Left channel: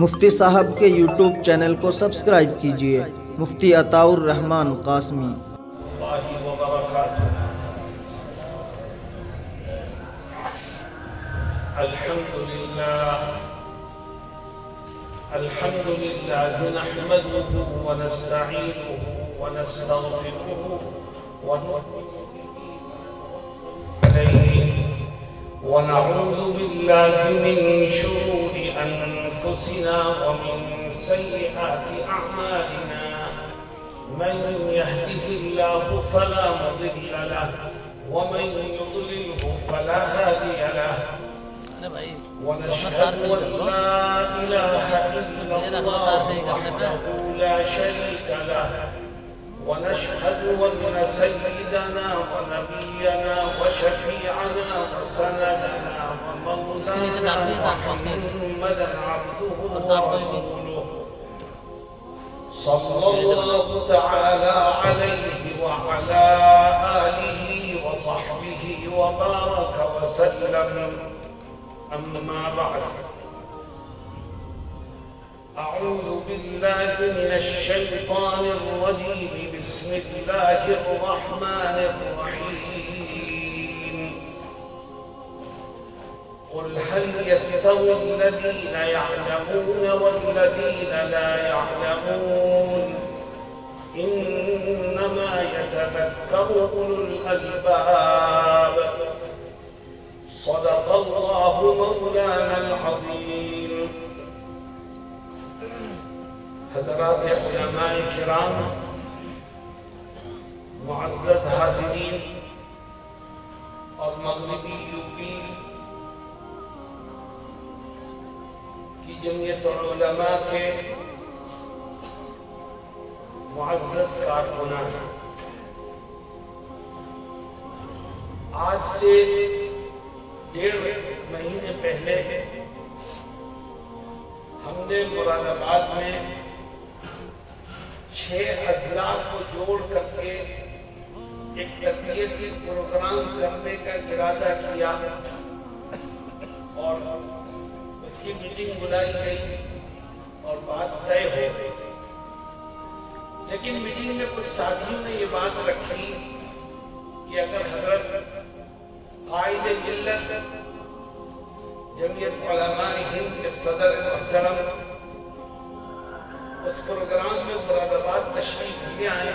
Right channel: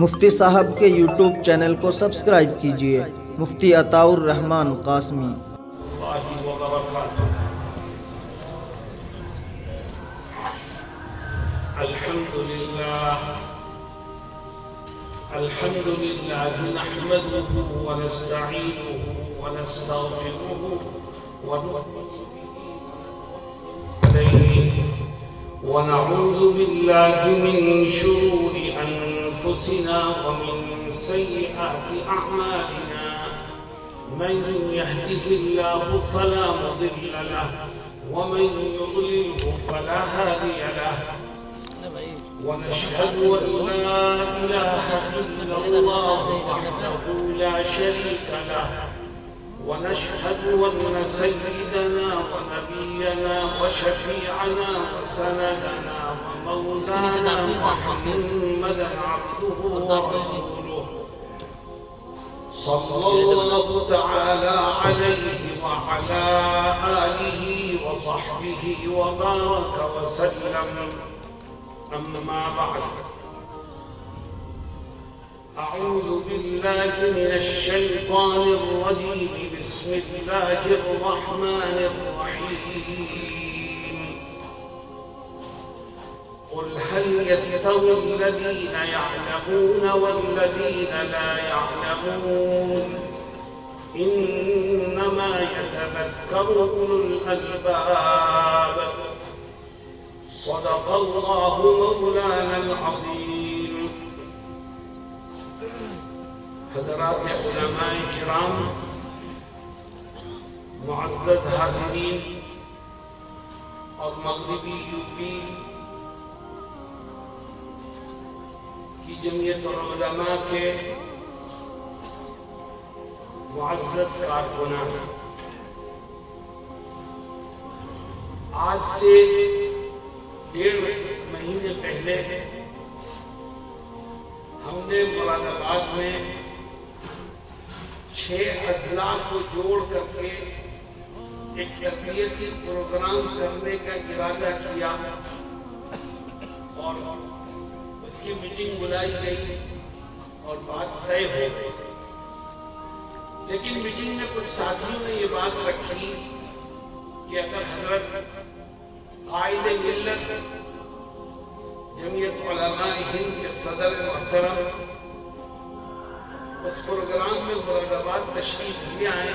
مفتی صاحب کے YouTube channel کو سبسکرائب کیجیے، مفتی عطاء الرحمن قاسمی۔ الحمد لله نحمده ونستعينه ونستغفره ونعوذ بالله من شرور أنفسنا ومن سيئات أعمالنا، من يهده الله فلا مضل له ومن يضلله فلا هادي له، ونشهد أن لا إله إلا الله وحده لا شريك له، ونشهد أن سيدنا ونبينا وشفيعنا وسندنا ومولانا محمدا عبده ورسوله، صلى الله تعالى عليه وعلى آله وصحبه وبارك وسلم. أما بعد، أعوذ بالله من الشيطان الرجيم، بسم الله الرحمن الرحيم. قل هل يستوي الذين يعلمون والذين لا يعلمون؟ إنما يتذكر أولو الألباب. صدق الله مولانا العظيم. حضرات علماء کرام، معزز حاضرین اور مغربی یوپی کی جمعیت علماء کے معزز کارکنان، آج سے 1.5 مہینے پہلے ہم نے مراد آباد میں 6 اضلاع کو جوڑ کر کے ایک تربیتی پروگرام کرنے کا ارادہ کیا اور اس کی میٹنگ بلائی گئی اور بات طے ہو گئی، لیکن میٹنگ میں کچھ ساتھیوں نے یہ بات رکھی کہ اگر حضرت قائد ملت جمعیت علماء ہند کے صدر محترم اس پروگرام میں مراد آباد تشریف لے آئے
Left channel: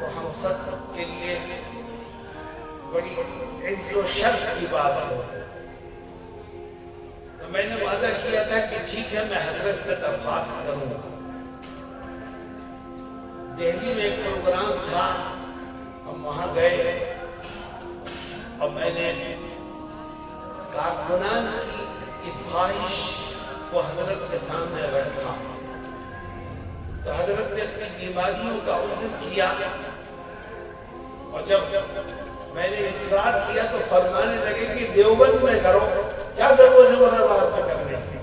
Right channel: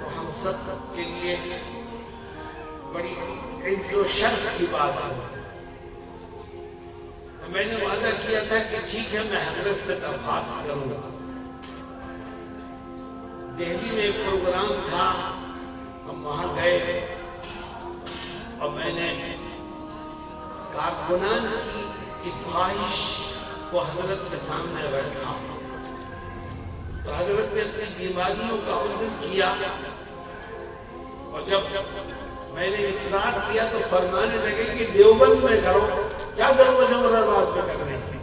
تو ہم سب کے لیے بڑی عز و شرف کی بات ہے۔ تو میں نے وعدہ کیا تھا کہ ٹھیک ہے، میں حضرت سے درخواست کروں گا۔ دہلی میں ایک پروگرام تھا، ہم وہاں گئے اور میں نے کارکنان کی اس خواہش کو حضرت کے سامنے رکھا تو حضرت نے اپنی بیماریوں کا عذر کیا، اور جب میں نے اصرار کیا تو فرمانے لگے کہ دیوبند میں کرو، کیا ضرورت ہے مراد آباد میں کرنے کی؟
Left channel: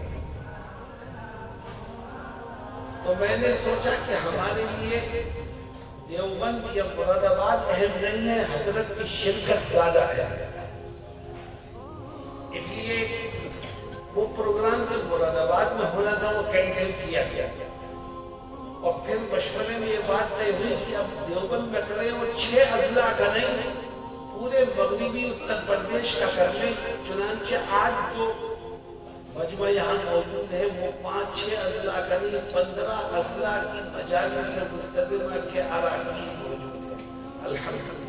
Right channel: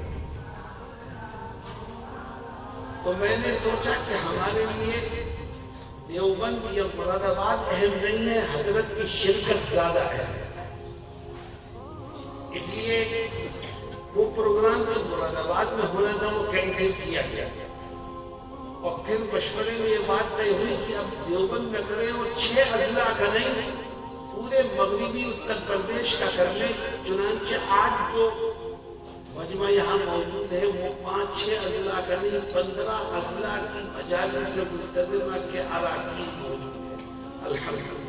تو میں نے سوچا کہ ہمارے لیے دیوبند یا مراد آباد اہم نہیں ہے، حضرت کی شرکت زیادہ ہے، اس لیے وہ پروگرام جو مراد آباد میں ہونا تھا وہ کینسل کیا گیا، اور پھر مشورے میں یہ بات طے ہوئی کہ اب دیوبند میں کریں اور 6 اضلاع کریں، پورے مغربی اتر پردیش کا کریں۔ چنانچہ آج جو مجمع یہاں موجود ہے وہ 5-6 اضلاع کریں، 15 اضلاع کی مجالس مقتدمہ کے اراکین موجود ہیں۔ الحمدللہ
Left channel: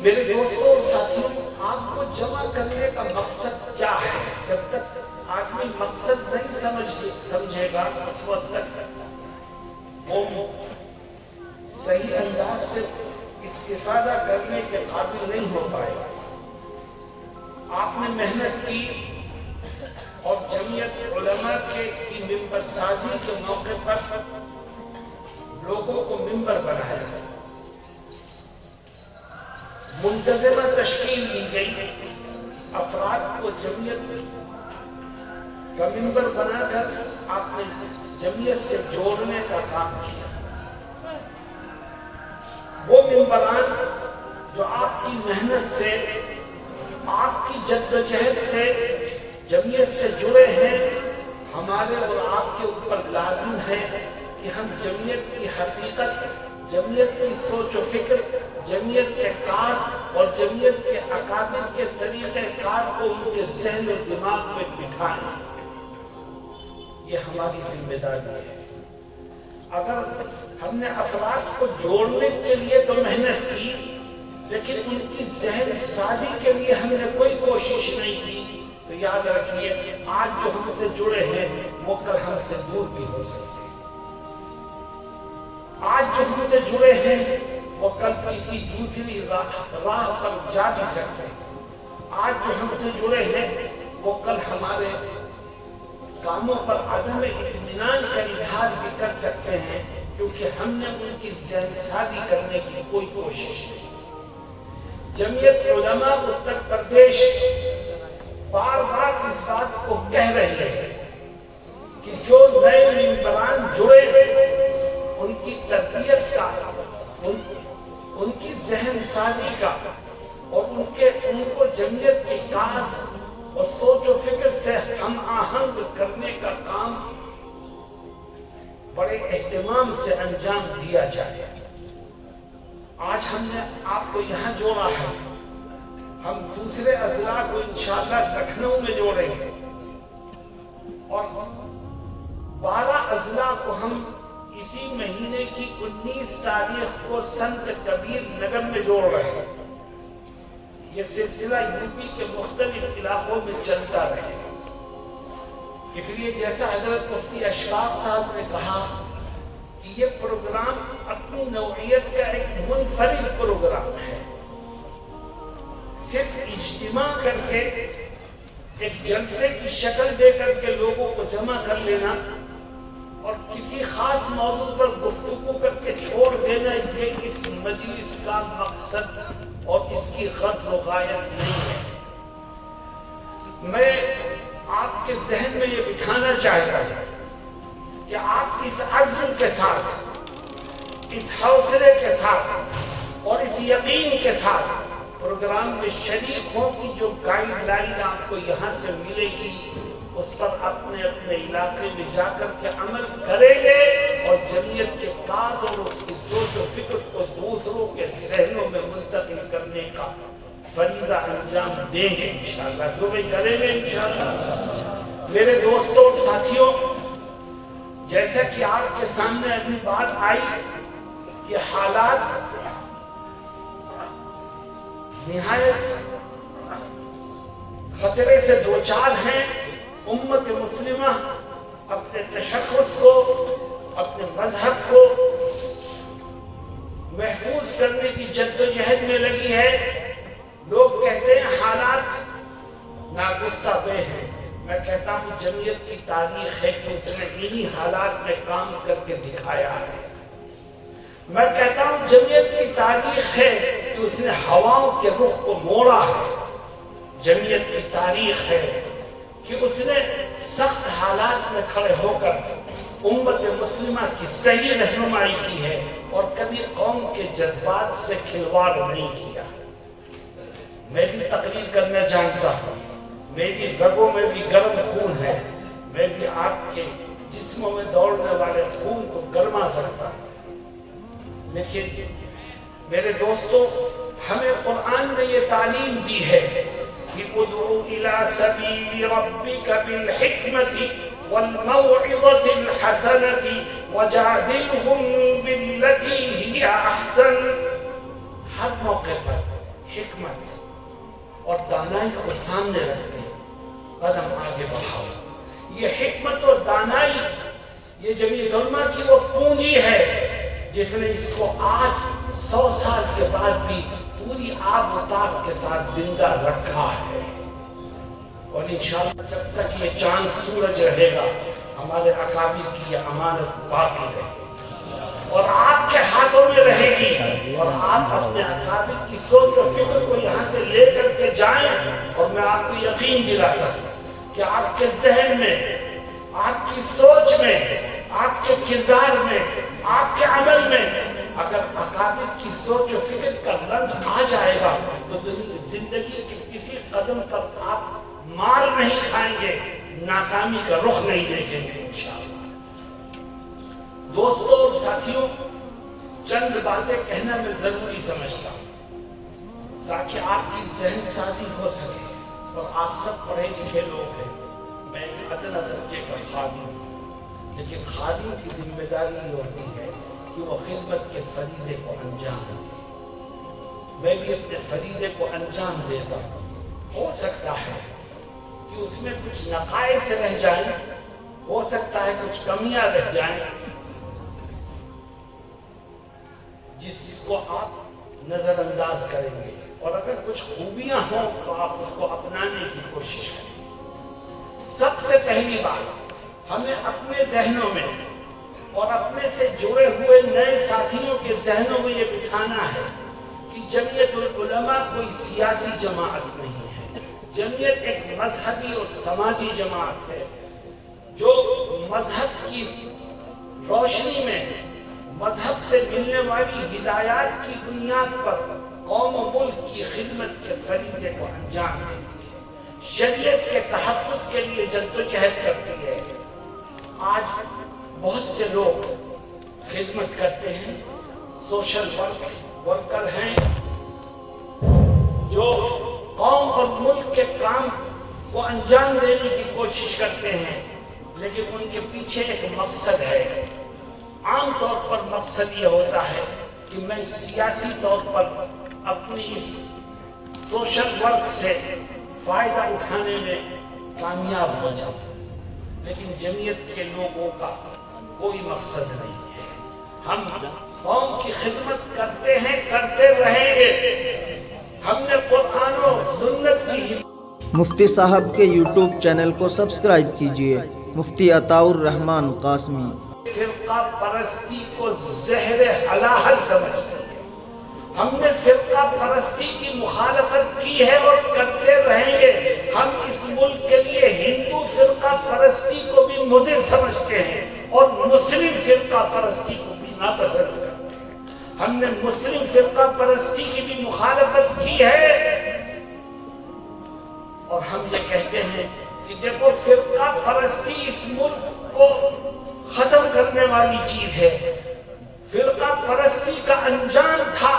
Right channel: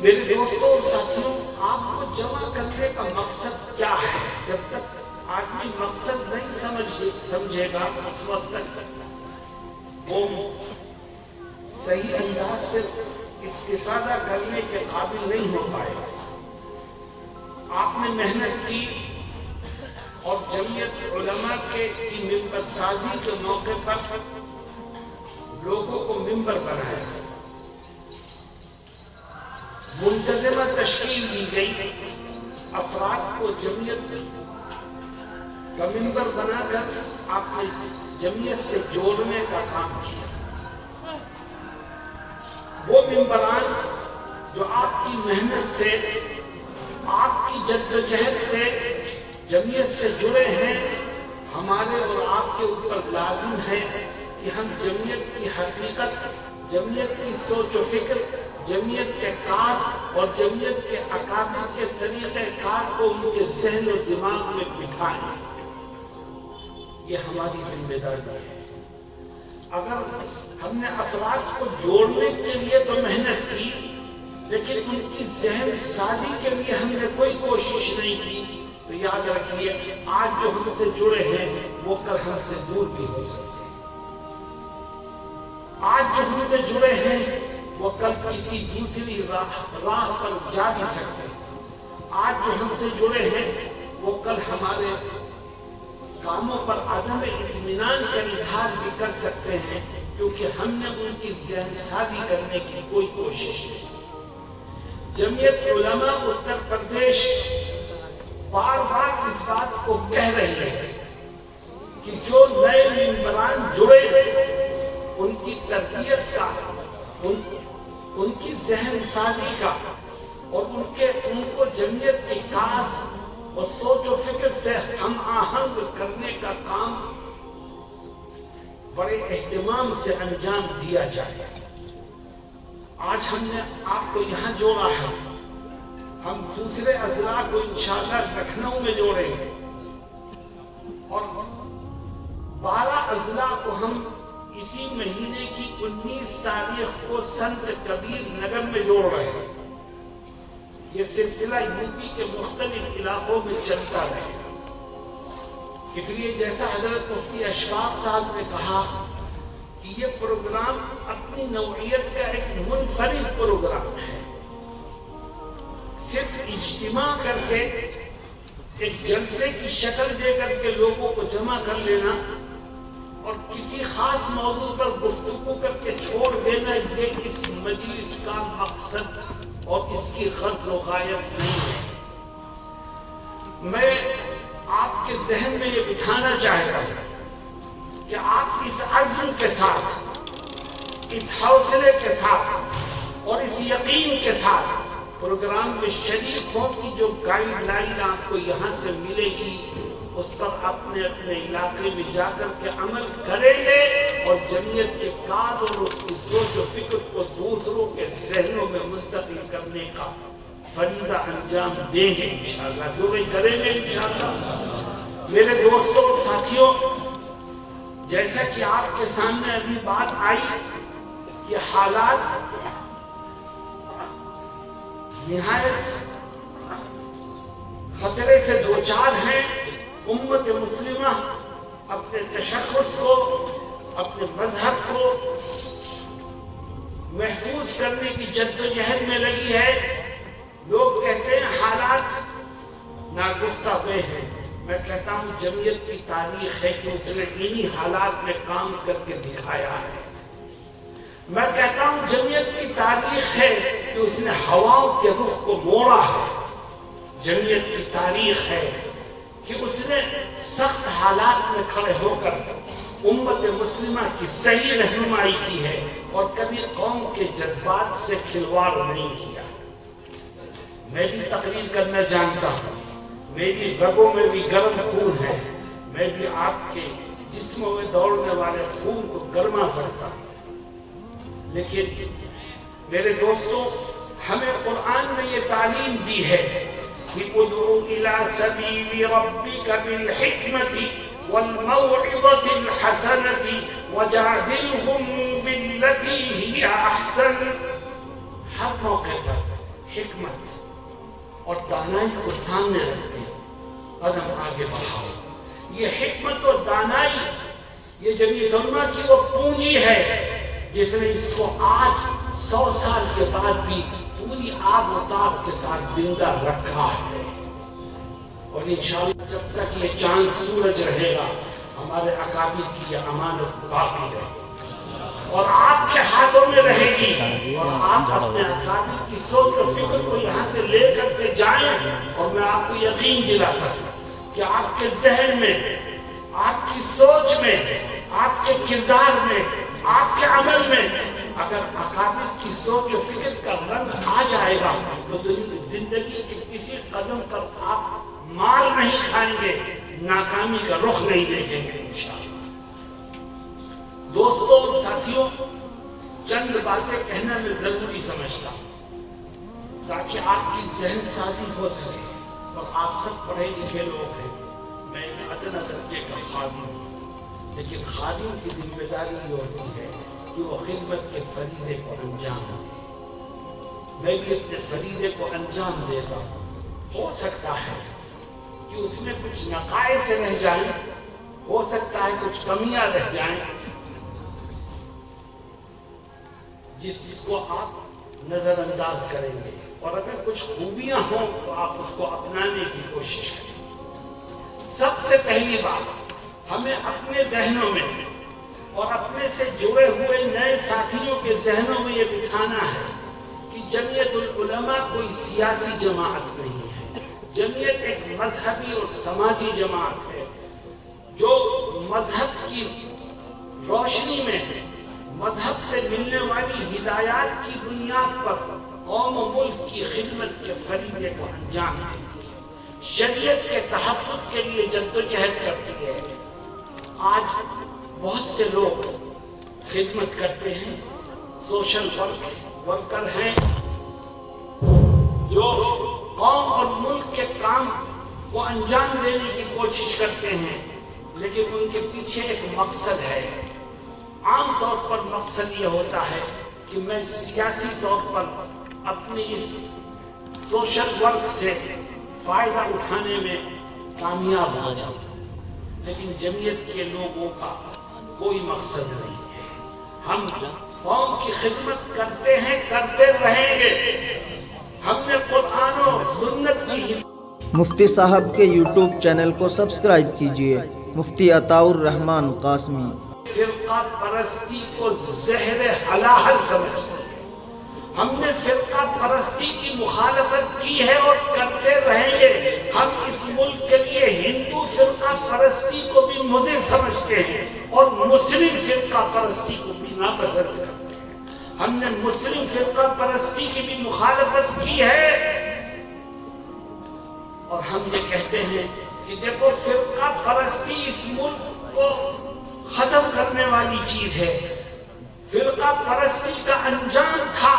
میرے دوستوں اور ساتھیوں، آپ کو جمع کرنے کا مقصد کیا ہے؟ جب تک آدمی مقصد نہیں سمجھے گا اس وقت تک وہ صحیح انداز سے استفادہ کرنے کے قابل نہیں ہو پائے گا۔ آپ نے محنت کی اور جمعیت علماء کی ممبر سازی کے موقع پر لوگوں کو ممبر بنایا، منتظمہ تشکیل دی گئی، افراد کو جمعیت کا ممبر بنا کر آپ نے جمعیت سے جوڑنے کا کام کیا۔ وہ ممبران جو آپ کی محنت سے، آپ کی جدوجہد سے جمعیت سے جڑے ہیں، ہمارے اور آپ کے اوپر لازم ہے کہ ہم جمعیت کی حقیقت، جمعیت کی سوچ و فکر، جمعیت کے کاج اور جمعیت کے اکابر کے طریقہ کار کو ان کے ذہن و دماغ میں بٹھائیں۔ یہ ہماری ذمہ داری ہے۔ اگر ہم نے افراد کو جوڑنے کے لیے تو محنت کی، لیکن ان کی ذہن سازی کے لیے ہم نے کوئی کوشش نہیں کی، تو یاد رکھیے آج جو ہم سے جڑے ہیں وہ کل ہم سے دور بھی ہو سکتے ہیں۔ آج جو ہم سے جڑے ہیں وہ کل کسی دوسری راہ پر جا بھی سکتے ہیں۔ آج جو ہم سے جڑے ہیں وہ کل ہمارے کاموں پر عدم اطمینان کا اظہار بھی کر سکتے ہیں، کیونکہ ہم نے ان کی ذہن سازی کرنے کی کوئی کوشش نہیں۔ جمعیت علماء اتر پردیش بار بار اس بات کو کہہ رہی ہے کہ جو نئے ممبران جڑے ان کی تربیت کا، ان کی ذہن سازی کا اور ان کو جمعیت کے کاج اور سوچ و فکر سے ہم آہنگ کرنے کا کام بڑے اہتمام سے انجام دیا جائے۔ آج ہم نے آپ کو یہاں جوڑا ہے، ہم دوسرے اضلاع کو انشاءاللہ لکھنؤ میں جوڑیں گے اور 12 اضلاع کو ہم اسی مہینے کی 19 تاریخ کو سنت کبیر نگر میں جوڑ رہے ہیں۔ یہ سلسلہ یوپی کے مختلف علاقوں میں چلتا ہے۔ اس لیے جیسا حضرت مفتی اشفاق صاحب نے کہا کہ یہ پروگرام اپنی نوعیت کا ایک منفرد پروگرام ہے۔ صرف اجتماع کر کے ایک جلسے کی شکل دے کر کے لوگوں کو جمع کر لینا اور کسی خاص موضوع پر گفتگو کر کے چھوڑ دینا، یہ اس مجلس کا مقصد اور اس کی غرض و غایت نہیں ہے۔ میں آپ کے ذہن میں یہ بٹھانا چاہتا ہوں کہ آپ اس عزم کے ساتھ، اس حوصلے کے ساتھ اور اس یقین کے ساتھ پروگرام میں شریک ہوں کہ جو گائیڈ لائن آپ کو یہاں سے ملے گی اس پر اپنے اپنے علاقے میں جا کر کے عمل کریں گے اور جمعیت کے کاج اور اس کی سوچ و فکر کو دوسروں کے ذہنوں میں منتقل کرنے کا فریضہ انجام دیں گے انشاءاللہ، جو بھی کریں گے انشاءاللہ۔ میرے دوستوں ساتھیوں، جیسا کہ آپ کے سامنے ابھی بات آئی کہ حالات نہایت خطرے سے دوچار ہیں۔ امت مسلمہ اپنے تشخص کو، اپنے مذہب کو محفوظ کرنے کی جدوجہد میں لگی ہے۔ لوگ کہتے ہیں حالات ناگفتہ بے ہیں، میں کہتا ہوں جمعیت کی تاریخ ہے کہ اس نے انہی حالات میں کام کر کے دکھایا ہے۔ میں کہتا ہوں جمعیت کی تاریخ ہے کہ اس نے ہواؤں کے رخ کو موڑا ہے۔ جمعیت کی تاریخ ہے کہ اس نے سخت حالات میں کھڑے ہو کر امت مسلمہ کی صحیح رہنمائی کی ہے اور کبھی قوم کے جذبات سے کھلواڑ نہیں کیا۔ میں بھی تقریر کرنا جانتا ہوں، میری رگوں میں بھی گرم خون ہے، میں بھی آپ کے جسموں میں دوڑنے والے خون کو گرما سکتا ہوں، لیکن میرے دوستوں ہمیں قرآن نے یہ تعلیم دی ہے کہ ادعو الی سبیل ربک بالحکمۃ والموعظۃ الحسنۃ وجادلہم بالتی ہی احسن۔ ہر موقع پر حکمت اور دانائی کو سامنے رکھتے قدم آگے بڑھاؤ۔ یہ حکمت اور دانائی یہ جمعیت علماء کی وہ پونجی ہے جس نے اس کو آج 100 سال کے بعد بھی پوری آب و تاب کے ساتھ زندہ رکھا ہے، اور انشاءاللہ جب تک یہ چاند سورج رہے گا ہمارے اکابر کی یہ امانت باقی رہے اور آپ کے ہاتھوں میں رہے گی، اور آپ اپنے اکابر کی سوچ اور فکر کو یہاں سے لے کر کے جائیں۔ اور میں آپ کو یقین دلاتا ہوں کہ آپ کے ذہن میں، آپ کی سوچ میں، آپ کے کردار میں، آپ کے عمل میں اگر اکابر کی سوچ و فکر کا رنگ آ جائے گا تو زندگی کے کسی قدم پر آپ مار نہیں کھائیں گے، ناکامی کا رخ نہیں دیکھیں گے انشاءاللہ۔ دوستوں اور ساتھیوں، چند باتیں کہنا میں ضروری سمجھتا ہوں تاکہ آپ کی ذہن سازی ہو سکے، اور آپ سب پڑھے لکھے لوگ ہیں، میں ایک ادنا درجے کا خادم ہوں، لیکن خادم کی ذمہ داری یہ ہوتی ہے کہ وہ خدمت کے فریضے کو انجام دے۔ میں بھی اپنے فریضے کو انجام دیتا ہوں۔ ہو سکتا ہے کہ اس میں کچھ نقائص رہ جائیں، ہو سکتا ہے کچھ کمیاں رہ جائیں جس کو آپ نظر انداز کریں گے، اور اگر کچھ خوبیاں ہوں تو آپ اس کو اپنانے کی کوشش کریں۔ سب سے پہلی بات، ہمیں اپنے ذہنوں میں اور اپنے سے جڑے ہوئے نئے ساتھیوں کے ذہنوں میں یہ بٹھانا ہے کہ جمعیت العلماء کوئی سیاسی جماعت نہیں ہے۔ جمعیت ایک مذہبی اور سماجی جماعت ہے جو مذہب کی روشنی میں مذہب سے ملنے والی ہدایات کی بنیاد پر قوم و ملک کی خدمت کے فریضے کو انجام دیتی ہے، شریعت کے تحفظ کے لیے جدوجہد کرتی ہے۔ آج بہت سے لوگ خدمت کرتے ہیں، سوشل ورکر ہیں جو قوم اور ملک کے کام کو انجام دینے کی کوشش کرتے ہیں، لیکن ان کے پیچھے ایک مقصد ہے۔ عام طور پر مقصد یہ ہوتا ہے کہ میں سیاسی طور پر اپنی اس سوشل ورک سے فائدہ اٹھانے میں کامیاب ہو جاتا ہوں، لیکن جمعیت کے لوگوں کا کوئی مقصد نہیں ہے۔ ہم قوم کی خدمت کرتے ہیں، کرتے رہیں گے۔ ہم نے قرآن اور سنت کی مفتی صاحب کے یوٹیوب چینل کو سبسکرائب کیجیے، مفتی عطاء الرحمن قاسمی۔ فرقہ پرستی کو زہر حلاحل سمجھتے ہیں۔ ہم نے فرقہ پرستی کی مخالفت کی ہے اور کرتے رہیں گے۔ ہم اس ملک کے لیے ہندو فرقہ پرستی کو بھی مضر سمجھتے ہیں اور مسلم فرقہ پرستی کو بھی ناپسند کرتے ہیں۔ ہم نے مسلم فرقہ پرستی کی بھی مخالفت کی ہے، اور ہم یہ کہتے ہیں کہ دیکھو فرقہ پرستی اس ملک کو ختم کرنے والی چیز ہے۔ فرقہ پرستی کا انجام تھا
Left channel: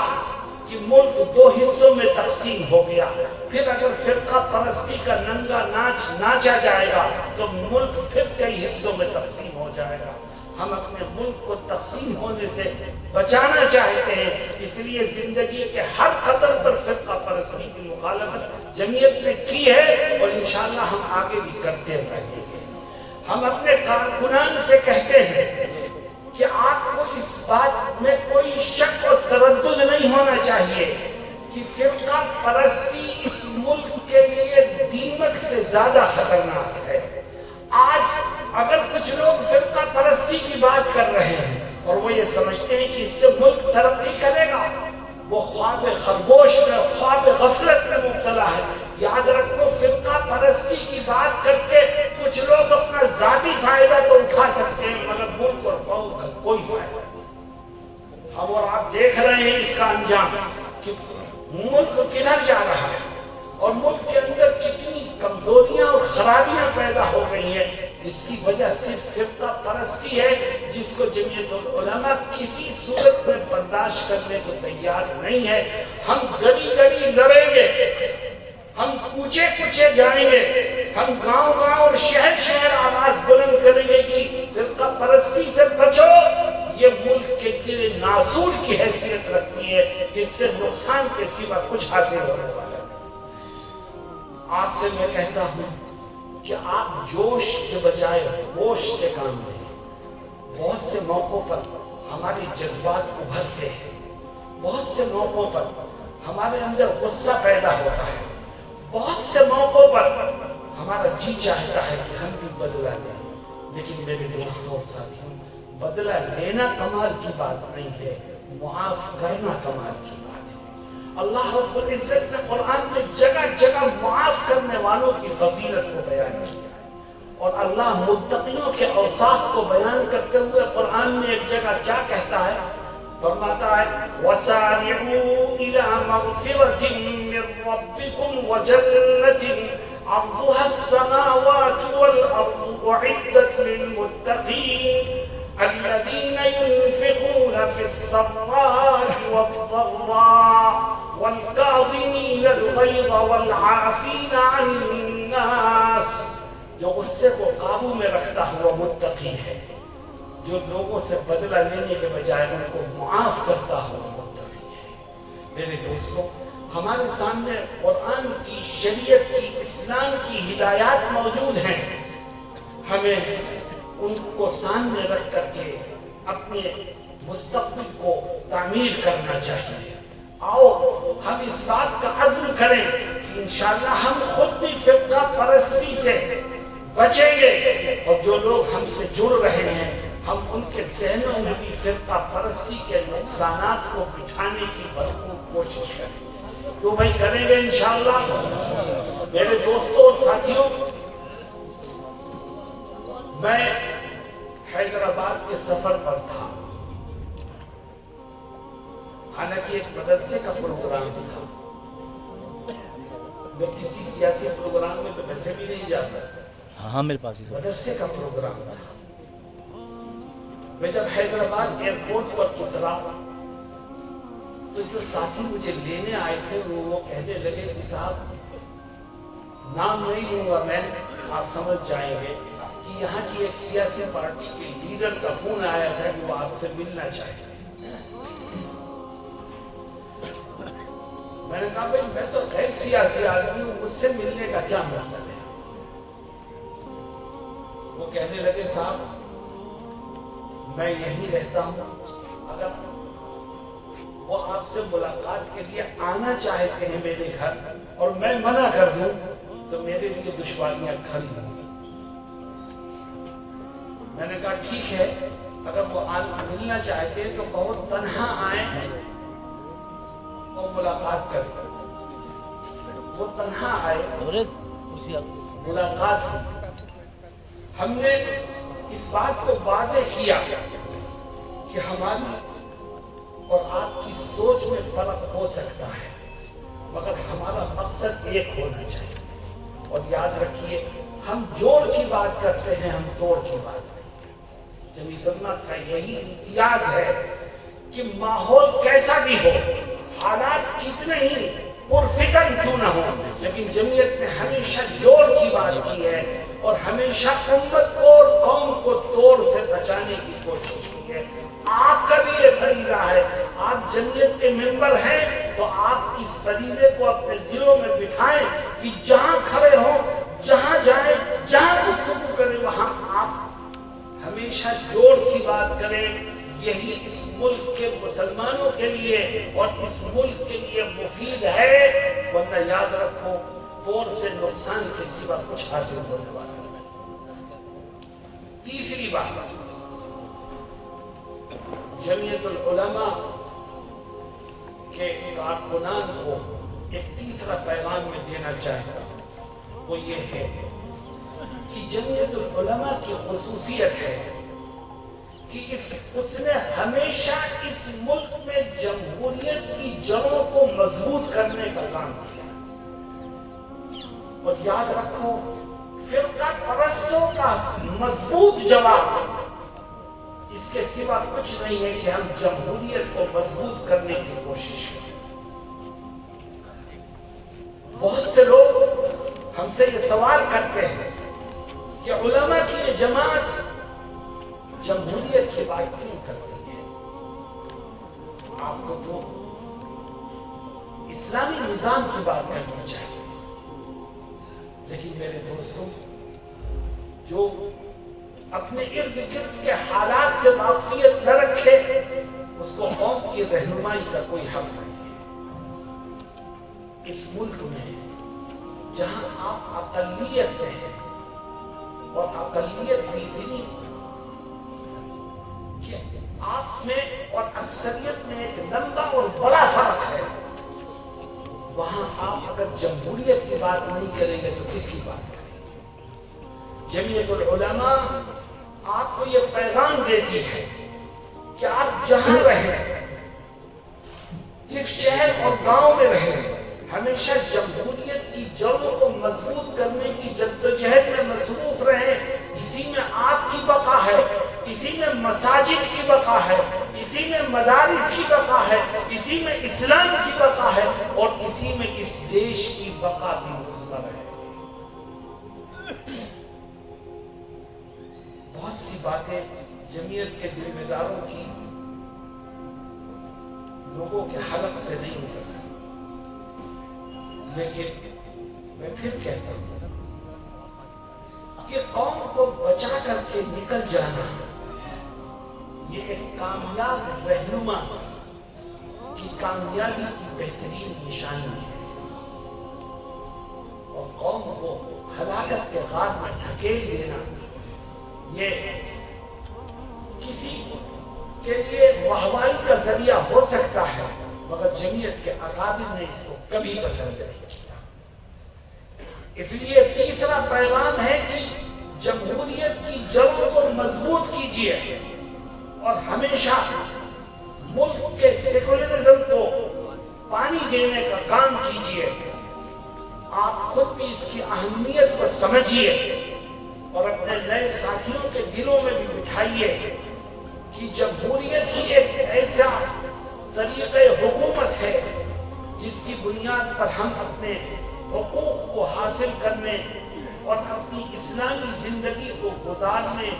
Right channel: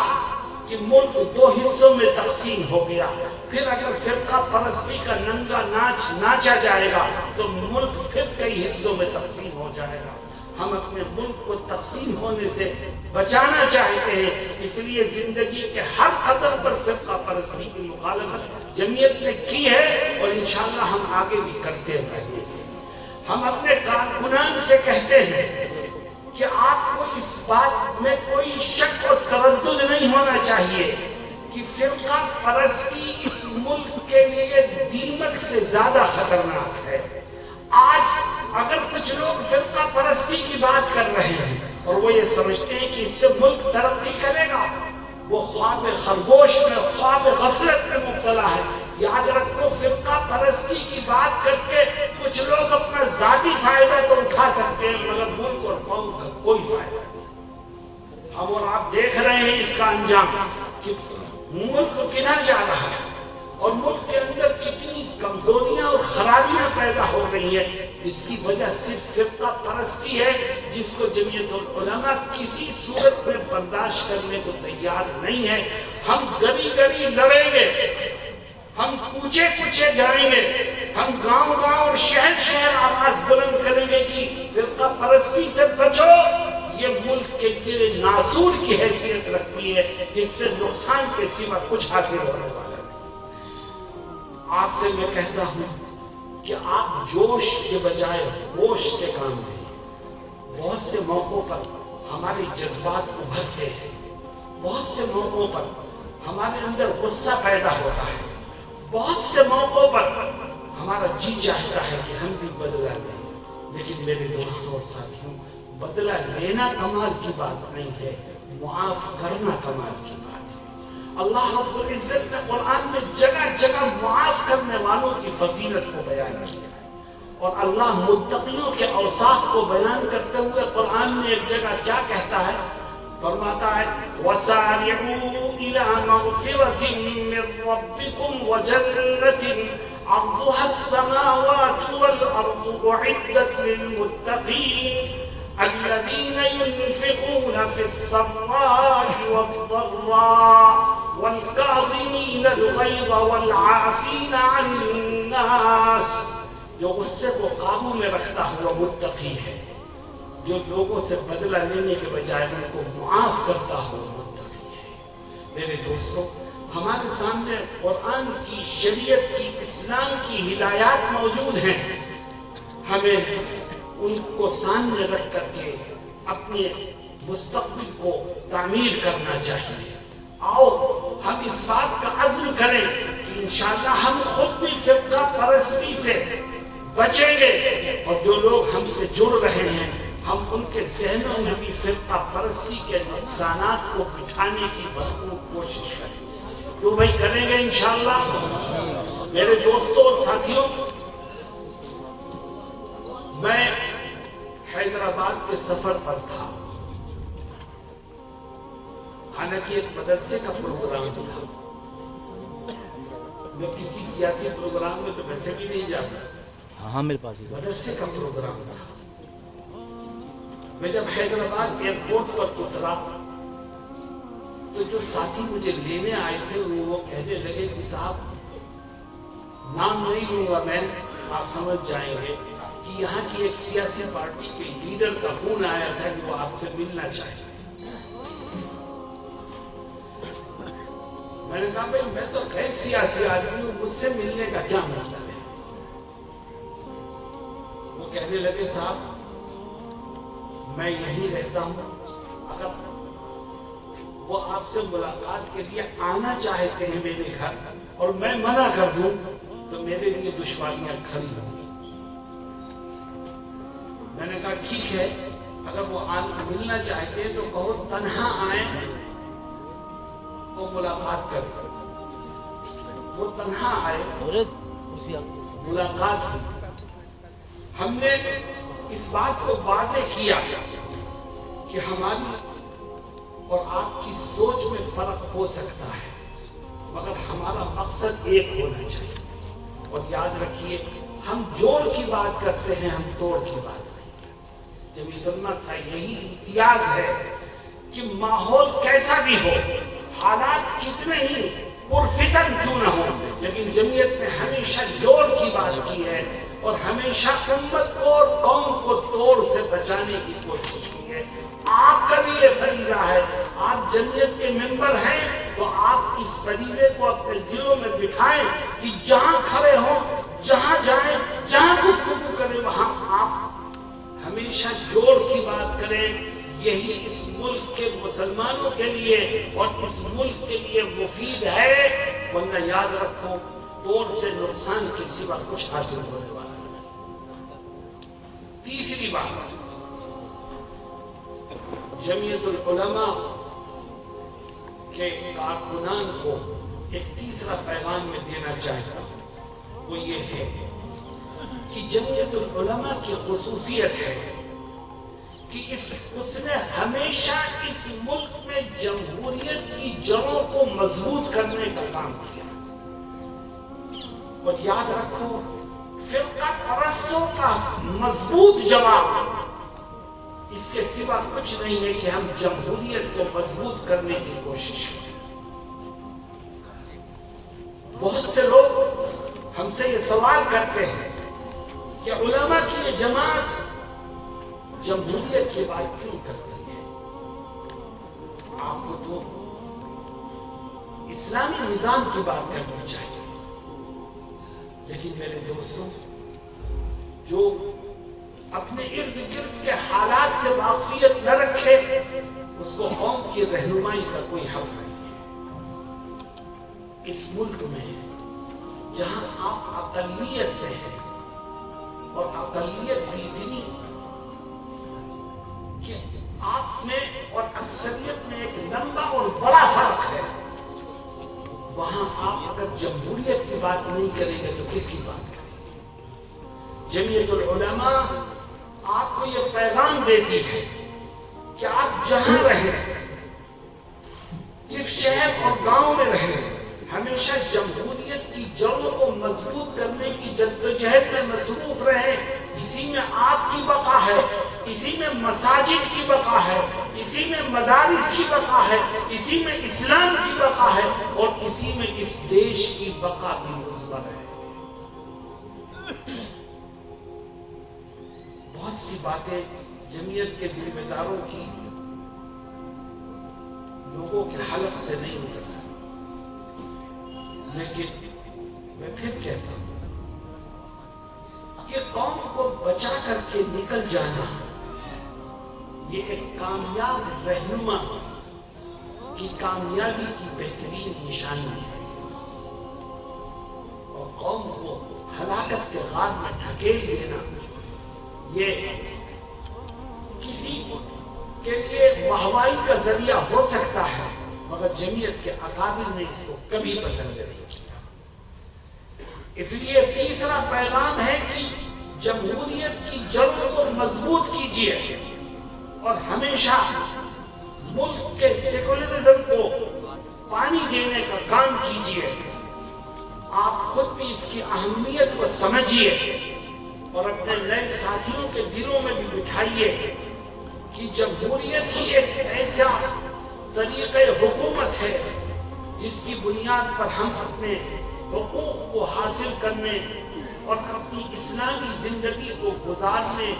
کہ ملک دو حصوں میں تقسیم ہو گیا۔ پھر اگر فرقہ پرستی کا ننگا ناچ ناچا جائے گا تو ملک پھر کئی حصوں میں تقسیم ہو جائے گا۔ ہم اپنے ملک کو تقسیم ہونے سے بچانا چاہتے ہیں، اس لیے زندگی کے ہر قدم پر فرقہ پرستی کی مخالفت جمعیت نے کی ہے، اور انشاءاللہ ہم آگے بھی کرتے رہیں گے۔ ہم اپنے کارکنان سے کہتے ہیں کہ آپ کو اس بات میں کوئی شک اور تردد نہیں ہونا چاہیے کہ فرقہ پرستی اس ملک کے لیے دیمک سے زیادہ خطرناک ہے۔ آج اگر کچھ لوگ فرقہ پرستی کی بات کر رہے ہیں اور وہ یہ سمجھتے ہیں کہ اس سے ملک ترقی کرے گا، وہ خواب خرگوش میں، خواب غفلت میں مبتلا ہے۔ یاد رکھو، فرقہ پرستی کی بات کر کے کچھ لوگ اپنا ذاتی فائدہ تو اٹھا سکتے ہیں، مگر ملک اور قوم کا کوئی فائدہ نہیں۔ اب اور آپ دیکھ رہے ہیں اس کا انجام کہ ملک کدھر جا رہا ہے، اور ملک کے اندر کتنی کمزوریاں اور خرابیاں پیدا ہو گئی ہیں۔ اس کی وجہ صرف فرقہ پرستی ہے، جس کو جمعیت العلماء کسی صورت میں برداشت کرنے کو تیار نہیں ہے۔ ہم گلی گلی لڑیں گے، ہم کوچے کوچے جائیں گے، ہم گاؤں گاؤں اور شہر شہر آواز بلند کریں گے کہ فرقہ پرستی سے بچو۔ یہ ملک کے لیے ناسور کی حیثیت رکھتی ہے، جس سے نقصان کے سوا کچھ حاصل ہونے والا ہے۔ آپ سے میں کہتا ہوں کہ آپ جوش کے بجائے ہوش سے کام لیں۔ بہت سے موقعوں پر ہمارے جذبات ابھرتے ہیں، بہت سے موقعوں پر ہمارے اندر غصہ پیدا ہوتا ہے، بہت سے موقعوں پر ہمارا جی چاہتا ہے کہ ہم بھی بدلہ لیں، لیکن میرے دوستوں اور ساتھیوں، بدلہ لینا کمال کی بات نہیں ہے، معاف کرنا کمال کی بات ہے۔ اللہ رب العزت نے قرآن میں جگہ جگہ معاف کرنے والوں کی فضیلت کو بیان کیا ہے، اور اللہ متقیوں کے اوصاف کو بیان کرتے ہوئے قرآن میں ایک جگہ کیا کہتا ہے؟ فرماتا ہے وَسَارِعُوا إِلَىٰ مَغْفِرَةٍ مِّن رَّبِّكُمْ وَجَنَّةٍ عرضها السماوات والأرض أعدت للمتقين الذين ينفقون في السراء والضراء والكاظمين الغيظ والعافين عن الناس. جو غصے کو قابو میں رکھتا ہوا متقی ہے، جو لوگوں سے بدلہ لینے کے بجائے ان کو معاف کرتا ہوا متقی ہے۔ میرے دوستوں، ہمارے سامنے قرآن کی، شریعت کی، اسلام کی ہدایات موجود ہیں، ہمیں ان کو سامنے رکھ کر کے اپنے مستقبل کو تعمیر کرنا چاہیے۔ آؤ ہم اس بات کا عزم کریں کہ انشاءاللہ ہم خود بھی فرقہ پرستی سے بچیں گے، اور جو لوگ ہم سے جڑ رہے ہیں ہم ان کے ذہنوں میں بھی فرقہ پرستی کے نقصانات کو بٹھانے کی بھرپور کوشش کریں گے۔ تو بھائی کریں گے انشاءاللہ۔ میرے دوستوں اور ساتھیوں، میں حیدرآباد کے سفر پر تھا، حالانکہ ایک مدرسے کا پروگرام تھا۔ میں کسی سیاسی پروگرام میں تو ویسے بھی نہیں جاتا، ہاں میرے پاس ہی مدرسے کا پروگرام تھا۔ میں جب حیدرآباد ایئرپورٹ پر اترا تو جو ساتھی مجھے لینے آئے تھے وہ کہنے لگے کہ صاحب نام نہیں لوں گا میں، آپ سمجھ جائیں گے کہ یہاں کی ایک سیاسی پارٹی کے لیڈر کا فون آیا تھا کہ وہ آپ سے ملنا چاہتے۔ میں نے کہا بھائی میں تو غیر سیاسی آدمی ہوں، مجھ سے ملنے کا کیا مطلب ہے؟ وہ کہنے لگے صاحب میں یہیں رہتا ہوں، اگر وہ آپ سے ملاقات کے لیے آنا چاہتے ہیں میرے گھر اور میں منع کر دوں تو میرے لیے دشواریاں کھڑی ہوں گی۔ میں نے کہا ٹھیک ہے، اگر وہ ملنا چاہتے ہیں تو بہت تنہا آئیں، وہ ملاقات کریں۔ وہ تنہا آئے، ملاقات ہوئی۔ ہم نے اس بات کو واضح کیا کہ ہماری اور آپ کی سوچ میں فرق ہو سکتا ہے، مگر ہمارا مقصد ایک ہونا چاہیے۔ اور یاد رکھیے، ہم جوڑ کی بات کرتے ہیں، ہم توڑ کی بات کرتے ہیں۔ جمعیت علماء کا یہی امتیاز ہے کہ ماحول کیسا بھی ہو، حالات کتنے ہی پرفکر کیوں نہ ہو، لیکن جمعیت نے ہمیشہ جوڑ کی بات کی ہے اور ہمیشہ امت کو اور قوم کو توڑ سے بچانے کی کوشش کی ہے۔ آپ کا بھی یہ فریضہ ہے، آپ جمعیت کے ممبر ہیں تو آپ اس فریضے کو اپنے دلوں میں بٹھائیں کہ جہاں کھڑے ہوں، جہاں جائیں، جہاں گفتگو کریں، وہاں آپ ہمیشہ جوڑ کی بات کریں۔ یہی اس ملک کے مسلمانوں کے لیے اور اس ملک کے لیے مفید ہے، ورنہ یاد رکھو توڑ سے نقصان کے سوا کچھ حاصل ہونے والا نہیں۔ تیسری بات، جمعیت العلماء کے کارکنان کو ایک تیسرا پیغام میں دینا چاہتا ہوں، وہ یہ ہے کہ جمعیت العلماء کی خصوصیت ہے کہ اس نے ہمیشہ اس ملک میں جمہوریت کی جڑوں کو مضبوط کرنے کا کام کیا۔ اور یاد رکھو، فرقہ پرستوں کا مضبوط جواب اس کے سوا کچھ نہیں ہے کہ ہم جمہوریت کو مضبوط کرنے کی کوشش کریں۔ بہت سے لوگ ہم سے یہ سوال کرتے ہیں کہ علماء کی یہ جماعت جمہوریت کی بات کیوں کرتی ہے؟ آپ کو تو اسلامی نظام کی بات کرنی چاہیے۔ لیکن میرے دوستوں، جو اپنے ارد گرد کے حالات سے واقفیت نہ رکھے، اس کو قوم کی رہنمائی کا کوئی حق نہیں۔ اس ملک میں جہاں آپ اقلیت میں ہیں اور اقلیت بھی اتنی کہ آپ میں اور اکثریت میں ایک لمبا اور بڑا فرق ہے، وہاں آپ اگر جمہوریت کی بات نہیں کریں گے تو کس کی بات ہے؟ جمعیت العلماء آپ کو یہ پیغام دیتی ہے کہ آپ جہاں رہیں، جس شہر اور گاؤں میں رہیں، ہمیشہ جمہوریت کی جڑوں کو مضبوط کرنے کی جدوجہد میں مصروف رہیں. اسی میں آپ کی بقا ہے، اسی میں مساجد کی بقا ہے، اسی میں مدارس کی بقا ہے، اسی میں اسلام کی بقا ہے، اور اسی میں اس دیش کی بقا بھی مضمر ہے. بہت سی باتیں جمعیت کے ذمہ داروں کی لوگوں کے حلق سے نہیں اترتا، لیکن میں پھر کہتا ہوں کہ قوم کو بچا کر کے نکل جانا یہ ایک کامیاب رہنما کی کامیابی کی بہترین نشانی ہے، اور قوم کو ہلاکت کے غار میں ڈھکیل دینا یہ کسی کے لیے واہوائی کا ذریعہ ہو سکتا ہے، مگر جمعیت کے اکابر نے اس کو کبھی پسند نہیں کیا. اس لیے تیسرا پیغام ہے کہ جمہوریت کی جڑوں کو مضبوط کیجیے اور ہمیشہ ملک کے سیکولرزم کو پانی دینے کا کام کیجیے. آپ خود بھی اس کی اہمیت کو سمجھیے اور اپنے نئے ساتھیوں کے دلوں میں بھی بٹھائیے کہ جمہوریت ہی ایک ایسا طریقہ حکومت ہے جس کی بنیاد پر ہم اپنے حقوق کو حاصل کرنے اور اپنی اسلامی زندگی کو گزارنے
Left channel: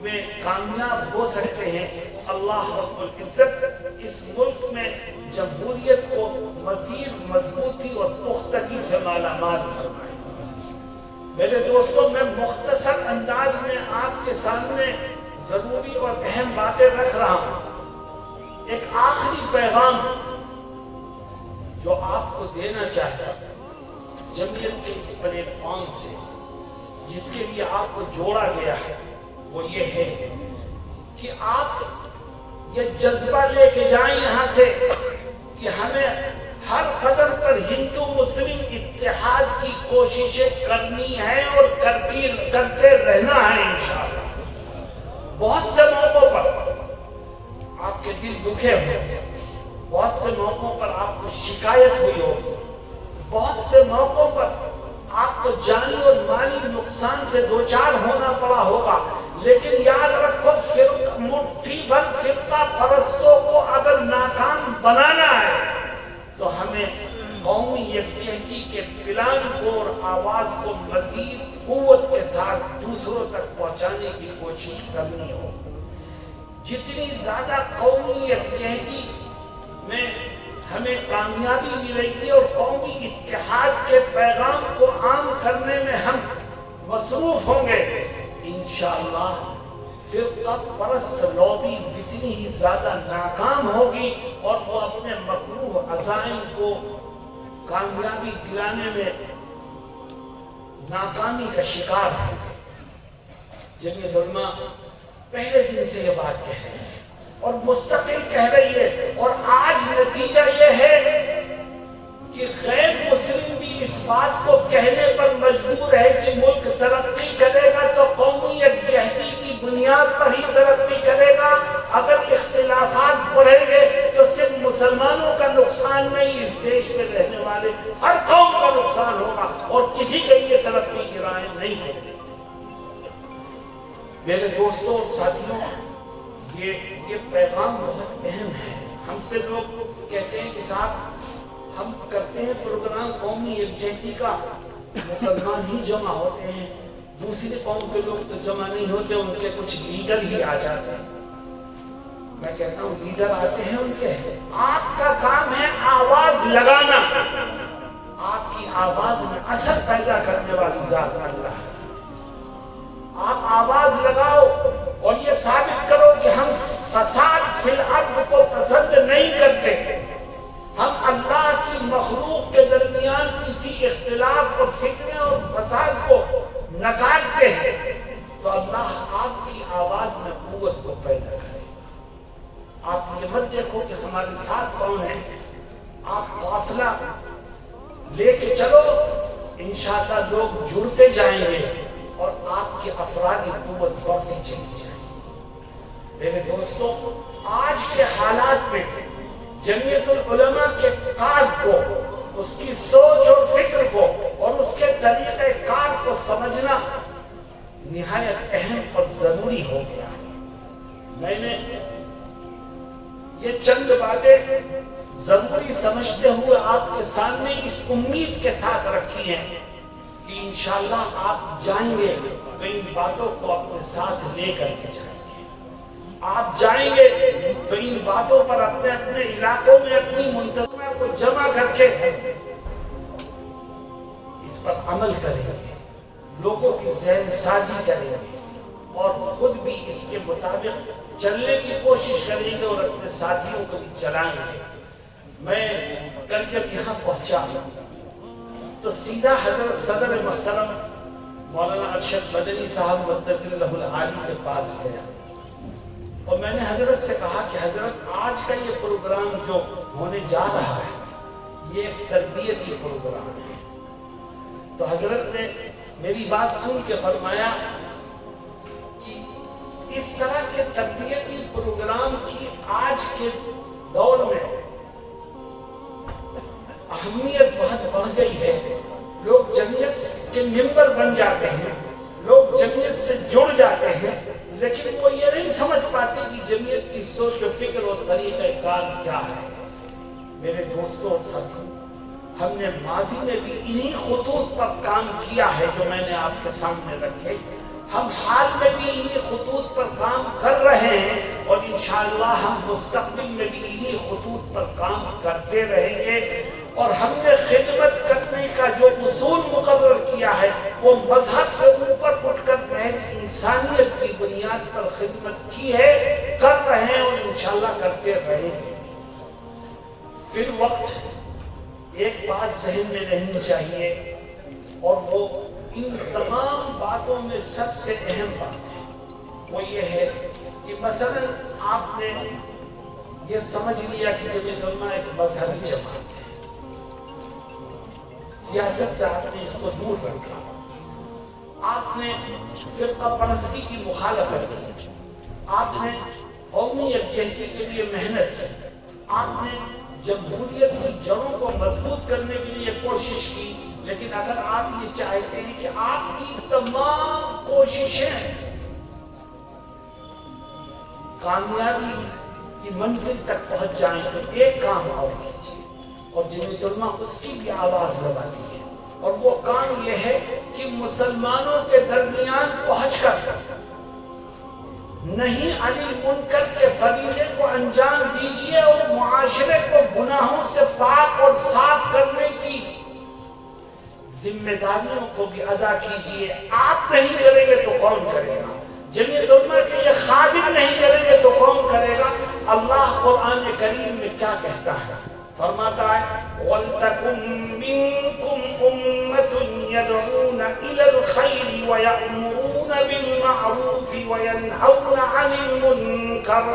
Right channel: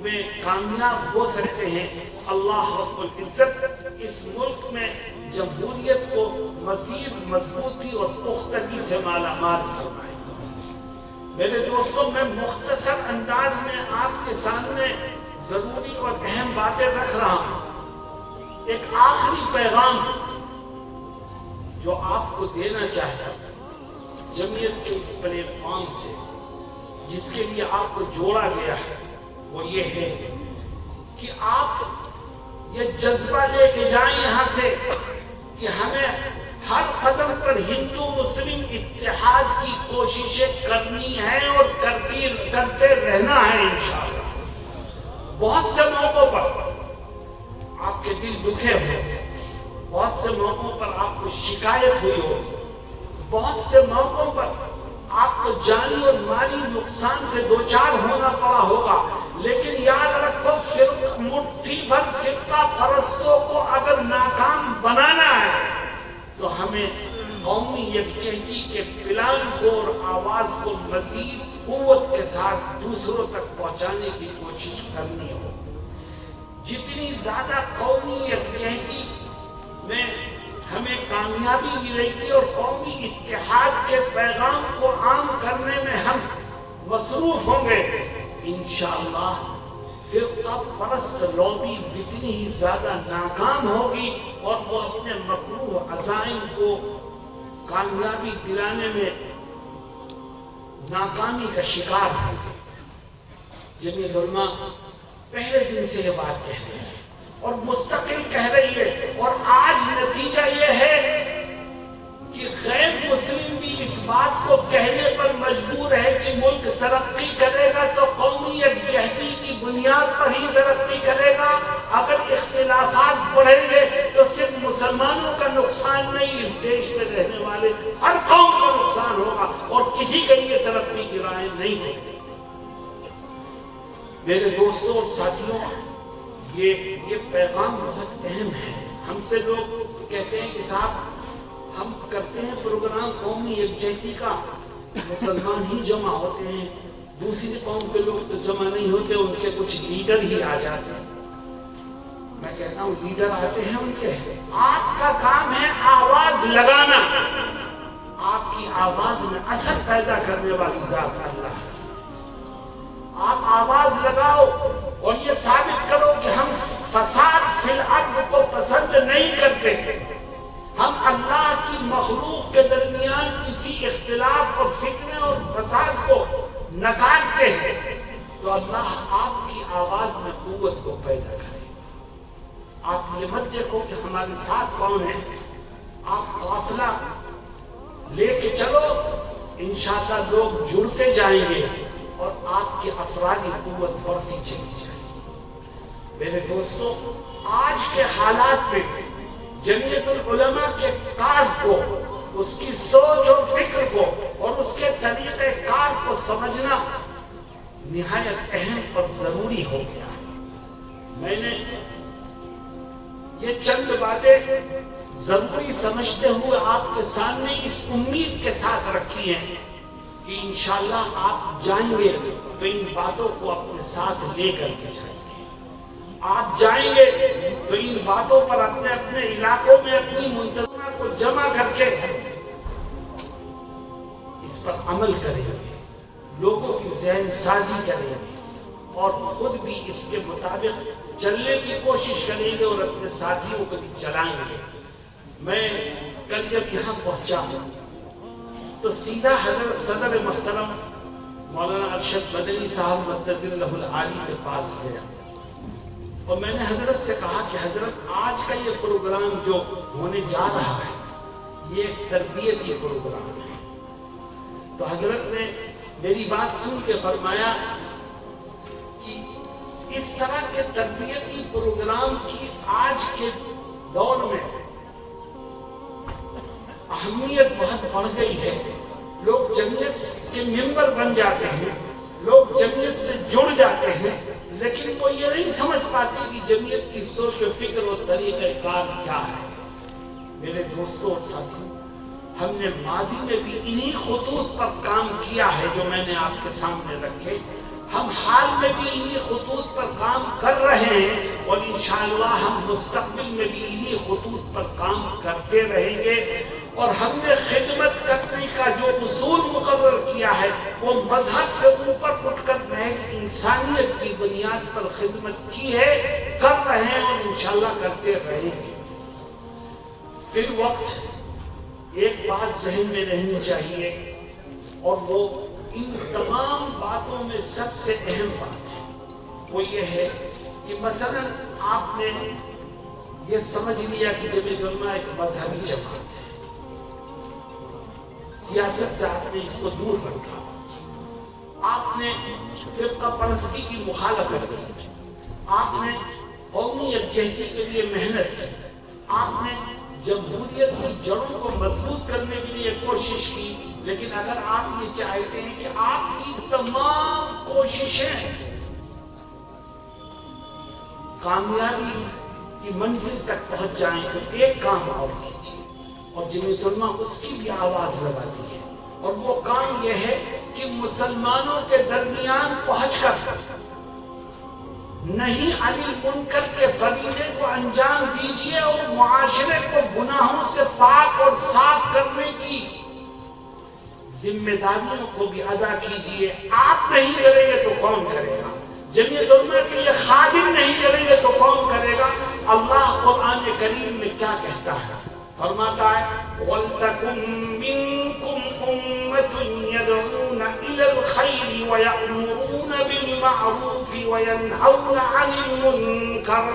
میں کامیاب ہو سکتے ہیں. اللہ رب العزت اس ملک میں جمہوریت کو مزید مضبوطی اور پختگی سے مالا مال فرمائے. میرے دوستوں، میں مختصر انداز میں آپ کے سامنے ضروری اور اہم باتیں رکھ رہا ہوں. ایک آخری پیغام جو آپ کو دینا چاہتا ہوں جمعیت کے اس پلیٹ فارم سے، جس کے لیے آپ کو جوڑا گیا ہے، وہ یہ ہے کہ آپ یہ جذبہ لے کے جائیں یہاں سے کہ ہمیں ہر قدم پر ہندو مسلم اتحاد کی کوششیں کرنی ہے اور کرتے رہنا ہے انشاءاللہ. بہت سے موقعوں پر آپ کے دل دکھے ہوں، بہت سے موقعوں پر آپ کو شکایت ہوئی ہوگی، بہت سے موقعوں پر آپ کو جانی اور مالی نقصان سے دوچار ہونا پڑا ہوگا، لیکن یاد رکھو مٹھی بھر فرقہ پرستوں کو اگر ناکام بنانا ہے تو ہمیں قومی یکجہتی کے پلان کو اور آواز کو مزید قوت کے ساتھ دوسروں تک پہنچانے کی کوشش کرنی ہو. جتنی زیادہ قومی یکجہتی میں ہمیں کامیابی ملے گی اور قومی اتحاد کے پیغام کو عام کرنے میں ہم مصروف ہوں گے، انشاءاللہ فرقہ پرست لوبی اتنی ہی زیادہ ناکام ہوگی اور وہ اپنے مطلوب عزائم کو کامیابی دلانے میں ناکامی کا شکار ہے. جمعیت علماء پہلے دن سے یہ بات کہہ رہی ہے اور مستقل کہہ رہی ہے، اور آج نتیجہ یہ ہے کہ غیر مسلم بھی اس بات کو کہنے پر مجبور ہے کہ ملک ترقی کرے گا تو قومی یکجہتی کی بنیاد پر ہی ترقی کرے گا. اگر اختلافات بڑھیں گے تو صرف مسلمانوں کا نقصان نہیں، اس دیش میں رہنے والے ہر قوم کا نقصان ہوگا اور کسی کے لیے ترقی کی راہ نہیں ہوگی. میرے دوستوں اور ساتھیوں، یہ پیغام بہت اہم ہے. ہم سے لوگ کہتے ہیں کہ صاحب ہم کرتے ہیں پروگرام قومی یکجہتی کا، مسلمان ہی جمع ہوتے ہیں، دوسری قوم کے لوگ تو جمع نہیں ہوتے، ان کے کچھ لیڈر ہی آ جاتے ہیں. میں کہتا ہوں لیڈر آتے ہیں ان کے، آپ کا کام ہے آواز لگانا. آپ کی آواز میں اثر پیدا کرنے والی ذات اللہ ہے. آپ آواز لگاؤ اور یہ ثابت کرو کہ ہم فساد فی الارض کو پسند نہیں کرتے، ہم اللہ کی مخلوق کے درمیان کسی اختلاف اور فتنے اور فساد کو نکالتے ہیں، تو اللہ آپ کی آواز میں قوت کو پیدا کرے. آپ یہ مت دیکھو کہ ہمارے ساتھ کون ہیں، آپ قافلہ لے کے چلو، انشاءاللہ لوگ جڑتے جائیں گے اور آپ کے افرادی قوت بڑھتی چلی جائے. میرے دوستوں، آج کے حالات میں جمعیت العلماء کے کاز کو اس کی سوچ اور فکر کو اور اس کے طریقہ کار کو سمجھنا نہایت اہم اور ضروری ہو گیا۔ میں نے یہ چند باتیں ضروری سمجھتے ہوئے آپ کے سامنے اس امید کے ساتھ رکھی ہیں کہ انشاءاللہ آپ جائیں گے تو ان باتوں کو اپنے ساتھ لے کر کے جائیں گے۔ آپ جائیں گے تو ان باتوں پر اپنے اپنے علاقوں میں اپنی منتظمہ کو جمع کر کے اس پر عمل کریں گے، لوگوں کی ذہن سازی کریں گے اور خود بھی اس کے مطابق چلنے کی کوشش کریں گے اور اپنے ساتھیوں کو بھی چلائیں گے۔ میں کل جب یہاں پہنچا تو سیدھا حضرت صدر محترم مولانا ارشد مدنی صاحب مدد اللہ العالی کے پاس گیا اور میں نے حضرت سے کہا کہ حضرت آج کا یہ پروگرام جو ہونے جا رہا ہے یہ ایک تربیتی پروگرام ہے۔ تو حضرت نے میری بات سن کے فرمایا کہ اس طرح کے تربیتی پروگرام کی آج کے دور میں اہمیت بہت بڑھ گئی ہے۔ لوگ جمعیت کے ممبر بن جاتے ہیں، لوگ جمعیت سے جڑ جاتے ہیں، لیکن وہ یہ نہیں سمجھ پاتے کہ جمعیت کی سوچ و فکر اور طریقہ کار کیا ہے۔ میرے دوستوں اور ساتھیوں، ہم نے ماضی میں بھی انہی خطوط پر کام کیا ہے جو میں نے آپ کے سامنے رکھے۔ ہم حال میں بھی انہی خطوط پر کام کر رہے ہیں اور انشاءاللہ ہم مستقبل میں بھی انہی خطوط پر کام کرتے رہیں گے۔ اور ہم نے خدمت کرنے کا جو اصول مقرر کیا ہے وہ مذہب سے اوپر اٹھ کر محض انسانیت کی بنیاد پر خدمت کی ہے، کر رہے ہیں اور انشاءاللہ کرتے رہیں گے۔ فی الوقت ایک بات ذہن میں رہنی چاہیے اور وہ ان تمام باتوں میں سب سے اہم بات ہے، وہ یہ ہے کہ مثلا آپ نے یہ سمجھ لیا کہ جمعیت علماء ایک مذہبی جماعت ہے، سیاست سے آپ نے اس کو دور رکھا، آپ نے فرقہ پرستی کی مخالفت کی، آپ نے قومی یکجہتی کے لیے محنت کی، آپ نے جمہوریت کی جڑوں کو مضبوط کرنے کے لیے کوشش کی۔ لیکن اگر آپ یہ چاہتے ہیں کہ آپ کی تمام کوششیں کامیابی کی منزل تک پہنچ جائیں تو ایک کام اور کیجیے، اور جمعیت علماء اس کی بھی آواز لگاتی ہے، اور وہ کام یہ ہے کہ مسلمانوں کے درمیان پہنچ کر نہیں عن المنکر کے فریضے کو انجام دیجیے اور معاشرے کو گناہوں سے پاک اور صاف کرنے کی ذمہ داریوں کو بھی ادا کیجیے۔ آپ نہیں کریں گے تو کون کرے گا؟ جمعیت علماء کے یہ خادم نہیں کریں گے تو کون کرے گا؟ اللہ قرآن کریم میں کیا کہتا ہے؟ فرماتا ہے وَلْتَكُن مِّنكُمْ أُمَّةٌ يَدْعُونَ إِلَى الْخَيْرِ وَيَأْمُرُونَ بِالْمَعْرُوفِ وَيَنْهَوْنَ عَنِ الْمُنكَرِ۔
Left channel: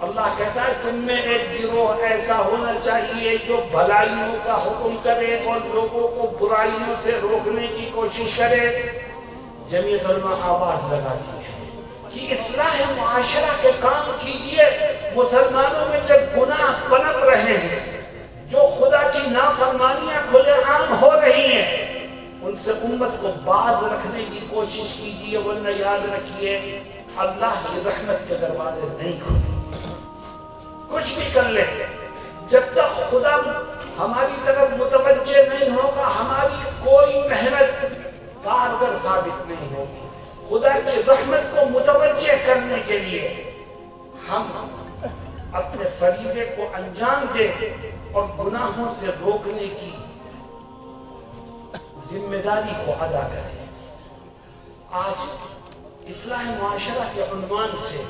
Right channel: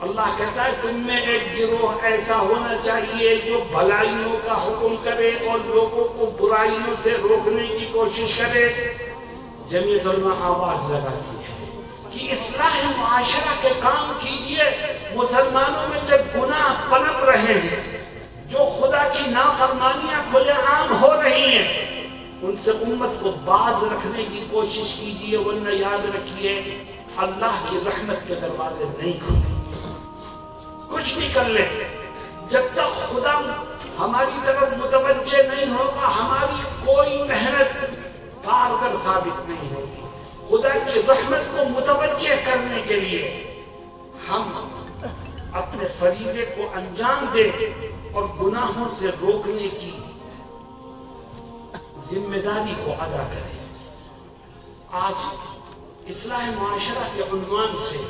اللہ کہتا ہے تم میں ایک گروہ ایسا ہونا چاہیے جو بھلائیوں کا حکم کرے اور لوگوں کو برائیوں سے روکنے کی کوشش کرے۔ جمعیت علماء آواز لگاتی ہے کہ اصلاح معاشرہ کے کام کیجیے۔ مسلمانوں میں جب گناہ پنپ رہے ہیں، جو خدا کی نافرمانیاں کھلے عام ہو رہی ہیں، ان سے امت کو باز رکھنے کی کوشش کیجیے، ورنہ یاد رکھیے اللہ کی رحمت کے دروازے نہیں کھلیں۔ کچھ بھی کر لیں، جب تک خدا ہماری طرف متوجہ نہیں ہوگا ہماری کوئی محنت کارگر ثابت نہیں ہوگی۔ خدا کی رحمت کو متوجہ کرنے کے لیے ہم اپنے فریضے کو انجام دیں اور گناہوں سے روکنے کی ذمہ داری کو ادا کریں۔ آج اصلاح معاشرہ کے عنوان سے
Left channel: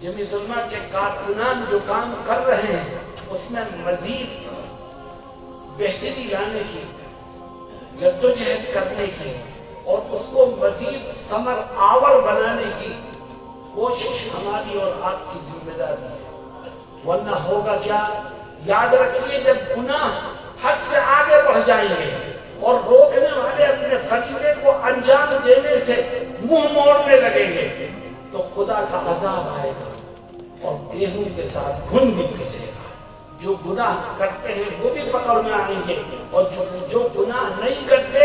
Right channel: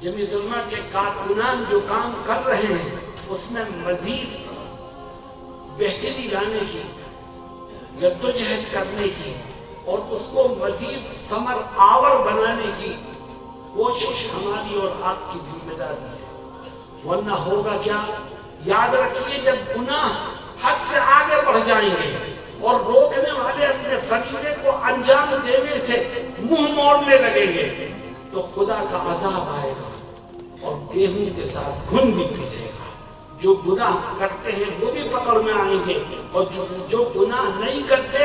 جمعیت علماء کے کارکنان جو کام کر رہے ہیں اس میں مزید بہتری لانے کی، جدوجہد کرنے کی اور اس کو مزید ثمر آور بنانے کی کوشش ہماری اور آپ کی ذمہ داری ہے، ورنہ ہوگا کیا؟ یاد رکھیے جب گناہ حد سے آگے بڑھ جائیں گے اور روکنے والے اپنے فریضے کو انجام دینے سے منہ موڑنے لگیں گے تو خدا کا عذاب آئے گا اور گیہوں کے ساتھ گھن بھی پیسے گا۔ جو گناہ کرتے ہیں وہ بھی پکڑ میں آئیں گے، اور جو گناہ نہیں کرتے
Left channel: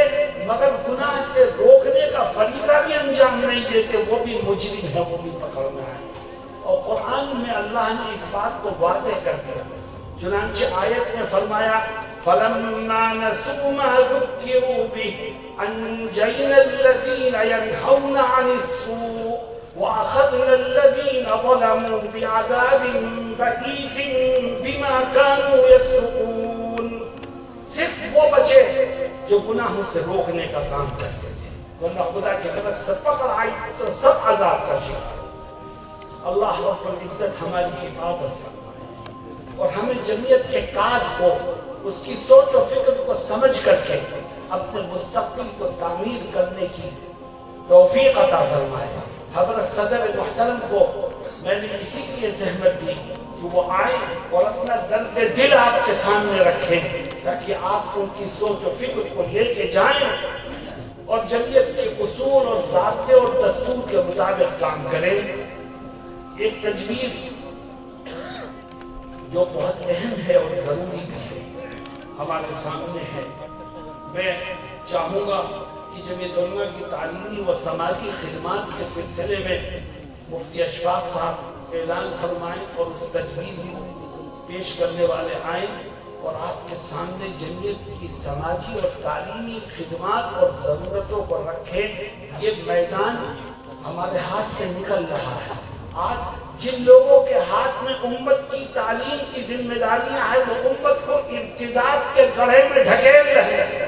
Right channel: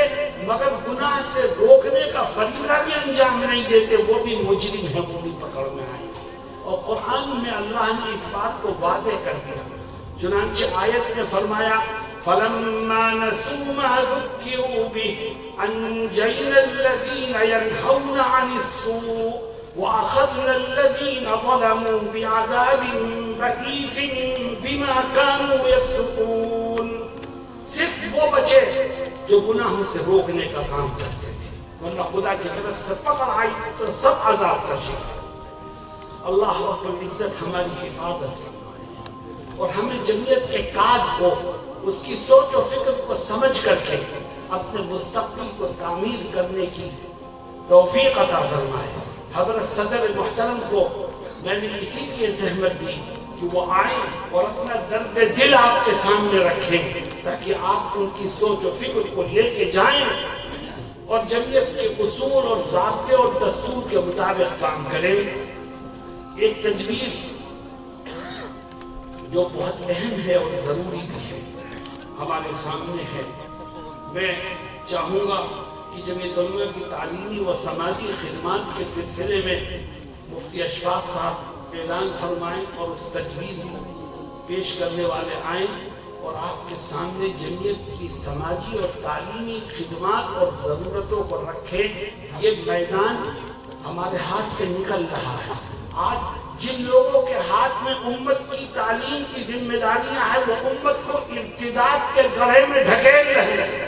مگر گناہ سے روکنے کا فریضہ بھی انجام نہیں دیتے وہ بھی مجرم ہیں، وہ بھی پکڑ میں آئیں گے۔ اور قرآن میں اللہ نے اس بات کو واضح کر دیا، چنانچہ آیت میں فرمایا فَلَمَّا نَسُوا مَا ذُكِّرُوا بِهِ أَنجَيْنَا الَّذِينَ يَنْهَوْنَ عَنِ السُّوءِ وَأَخَذْنَا الَّذِينَ ظَلَمُوا بِعَذَابٍ بَئِيسٍ بِمَا كَانُوا يَفْسُقُونَ۔ صرف وہ بچے جو گناہوں سے روکنے کا کام کرتے تھے، ورنہ خدا کی طرف سے پکڑ آئی تو سب عذاب کا شکار۔ اللہ رب العزت ہماری حفاظت فرمائے اور ہمیں جمعیت کے کاج کو، اس کی سوچ و فکر کو سمجھ کر کے اپنے مستقبل کو تعمیر کرنے کی توفیق عطا فرمائے۔ حضرت صدر محترم کو میں نے اسی لیے زحمت دی کہ وہ آئیں اور اپنا درد دل آپ کے سامنے رکھیں تاکہ آپ ان کی سوچ و فکر کو لے کے جائیں اور جمعیت کے اصول اور ضابطے اور دستور کے مطابق کام کریں۔ ایک تجویز جو بہت اہم ہے اور ضروری بھی ہے ہمارے سامنے ہے، میں چاہوں گا کہ جمعیت علماء کی تعلیمی و سماجی خدمات کے سلسلے میں مفتی اشفاق صاحب اعلان فرمائیں اور اس تجویز کو پیش کرنے والے آئیں اور آپ کے سامنے جمعیت کی سماجی اور تعلیمی خدمات اور ضرورتوں کو رکھیں۔ یہ میدان ہمارے ہاتھ سے نکل رہا ہے۔ آج جن لوگوں کے ہاتھ میں امت کی تعلیم کی ذمہ داریاں ہیں وہ امت کو ارتداد کے گڑھے میں ڈھکیل رہے ہیں،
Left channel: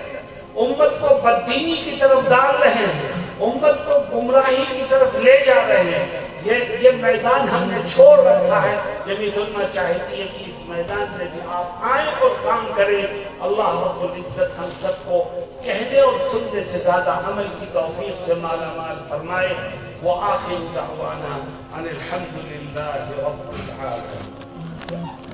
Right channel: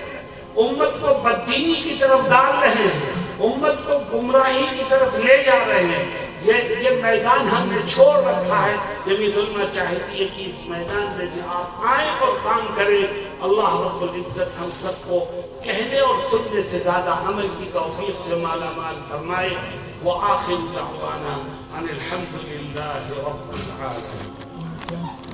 امت کو بددینی کی طرف ڈال رہے ہیں، امت کو گمراہی کی طرف لے جا رہے ہیں۔ یہ میدان ہم نے چھوڑ رکھا ہے۔ جمعیت علماء چاہتی ہے کہ اس میدان میں بھی آپ آئیں اور کام کریں۔ اللہ رب العزت ہم سب کو کہنے اور سننے سے زیادہ عمل کی توفیق سے مالا مال فرمائے۔ وآخر دعوانا ان الحمد للہ رب العالمین۔